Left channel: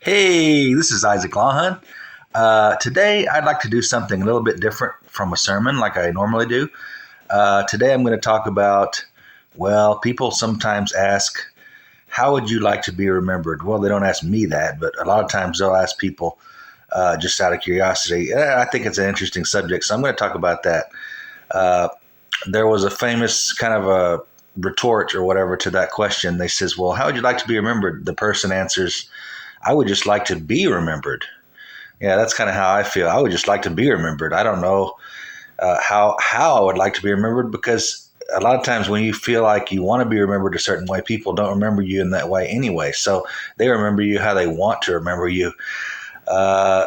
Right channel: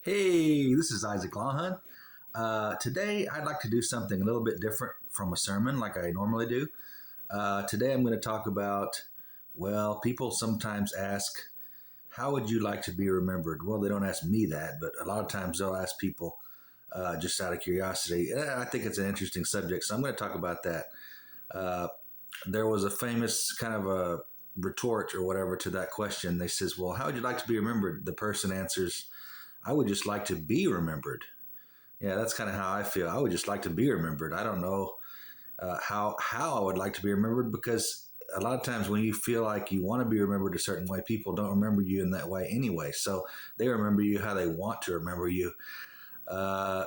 Hey, this is Isaac Lawhon. Today, I'd like to do something a little bit different from a sermon like I normally do. Today, I'm going to talk about, well, people sometimes ask, how would you like to be remembered? Well, they don't ask me that, but a lot of times they'll ask people just out of curiosity. I think it's an interesting subject, so I'm going to talk about that. Uh, there was a famous kind of a retort or whatever to that question. They says, well, how would you like to be remembered? The person answers, I would just like to be remembered. Yeah, that's kind of how I feel. I would just like to be remembered. I don't know how I would like to be remembered because a lot of times when you feel like you want to be remembered a certain way, people don't remember you in that way anyway. So they remember you how they want to remember you. Uh,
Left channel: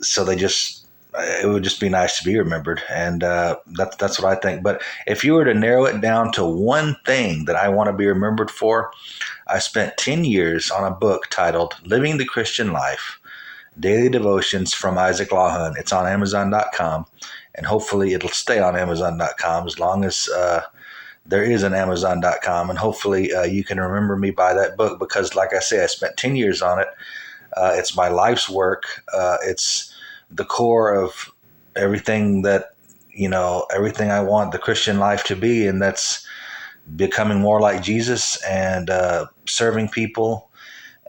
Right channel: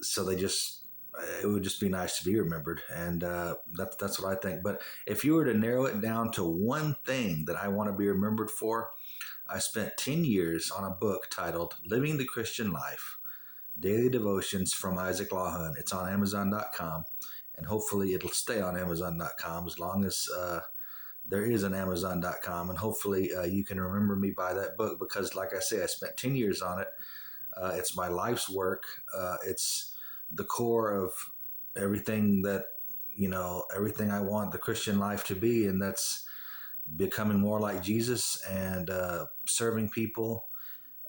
so they just it would just be nice to be remembered, and that's what I think. But if you were to narrow it down to one thing that I want to be remembered for, I spent 10 years on a book titled "Living the Christian Life." Daily Devotions from Isaac Lawhon. It's on Amazon.com, and hopefully it'll stay on Amazon.com as long as there is an Amazon.com. And hopefully you can remember me by that book because, like I say, I spent 10 years on it. It's my life's work. It's the core of everything that, everything I want the Christian life to be. And that's becoming more like Jesus and serving people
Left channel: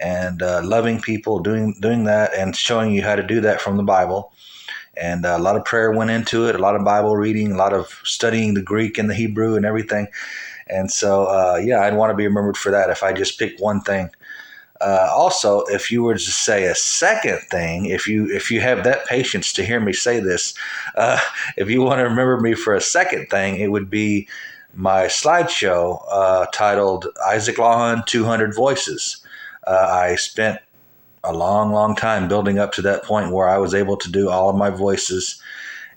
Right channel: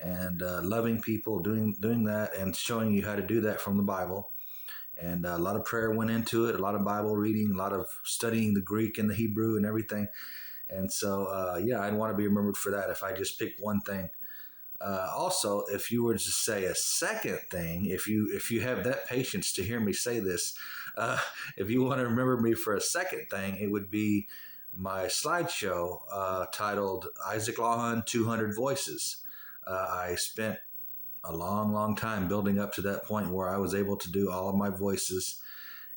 and loving people, doing that, and showing you how to do that from the Bible. And a lot of prayer went into it, a lot of Bible reading, a lot of studying the Greek and the Hebrew and everything. And so, yeah, I'd want to be remembered for that if I just picked one thing. Also, if you were to say a second thing, if you have that patience to hear me say this, uh, if you want to remember me for a second thing, it would be my slideshow titled Isaac Lawhon 200 Voices. I spent a long, long time building up to that point where I was able to do all of my voices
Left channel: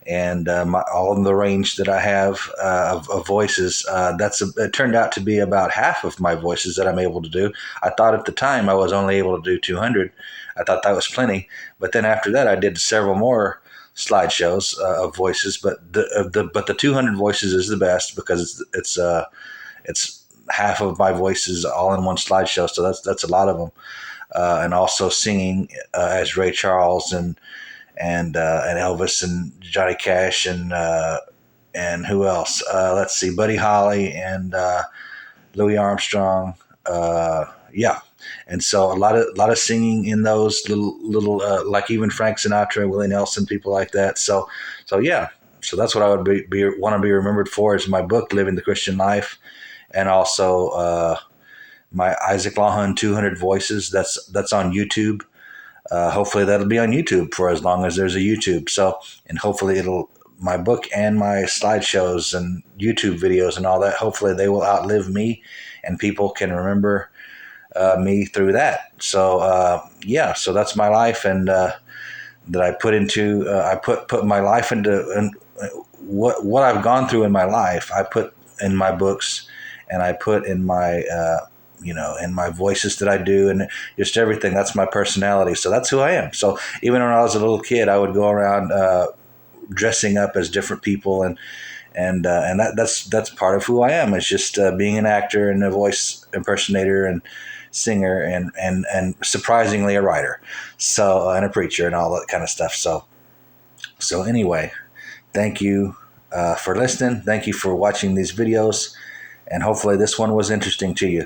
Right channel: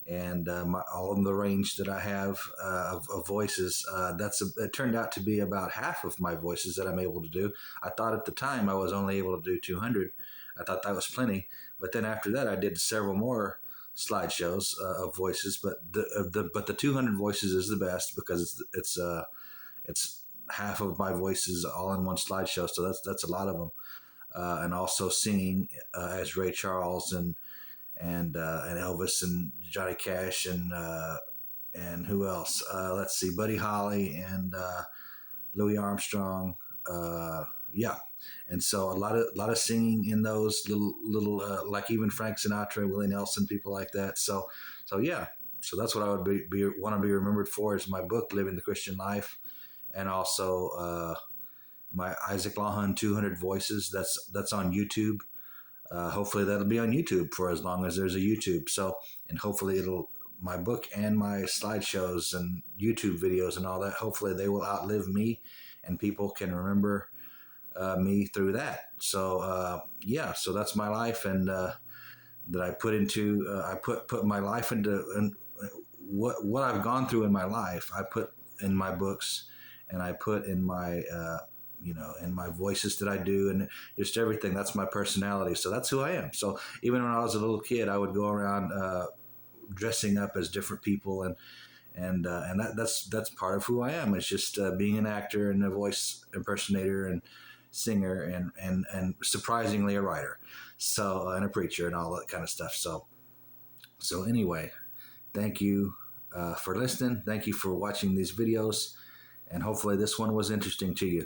and all of the range that I have of voices. It turned out to be about half of my voices that I'm able to do. I thought at the time I was only able to do 200. I thought that was plenty, but then after that I did several more slideshows of voices. But the 200 voices is the best because it's half of my voices all in one slideshow. So that's a lot of them. And also singing as Ray Charles and Elvis and Johnny Cash and who else? Let's see, Buddy Holly and Louis Armstrong. Yeah, and so a lot of singing in those little like even Frank Sinatra, Willie Nelson, people like that. So yeah, so that's what I would want to be remembered for is my book, Living the Christian Life, and also my Isaac Lawhon 200 Voices. That's on YouTube. Hopefully that'll be on YouTube for as long as there's a YouTube. So, and hopefully my book and my slideshows and YouTube videos and all that, hopefully they will outlive me and people can remember me through that. So, yeah, so that's my life. And that I put into, I put my life into, and what I've gone through in my life, I put in my books and I put in my, in my voices that I do and just everything. That's my personality. So that's who I am. So even when I was a little kid, I would go around dressing up as different people, and that's part of who I am. It's just being an actor and a voice impersonator and singer and surprisingly a writer. So and a preacher and all that kind of stuff. So anyway, thank you for listening. Thank you for watching these videos, and hopefully this one was interesting to you.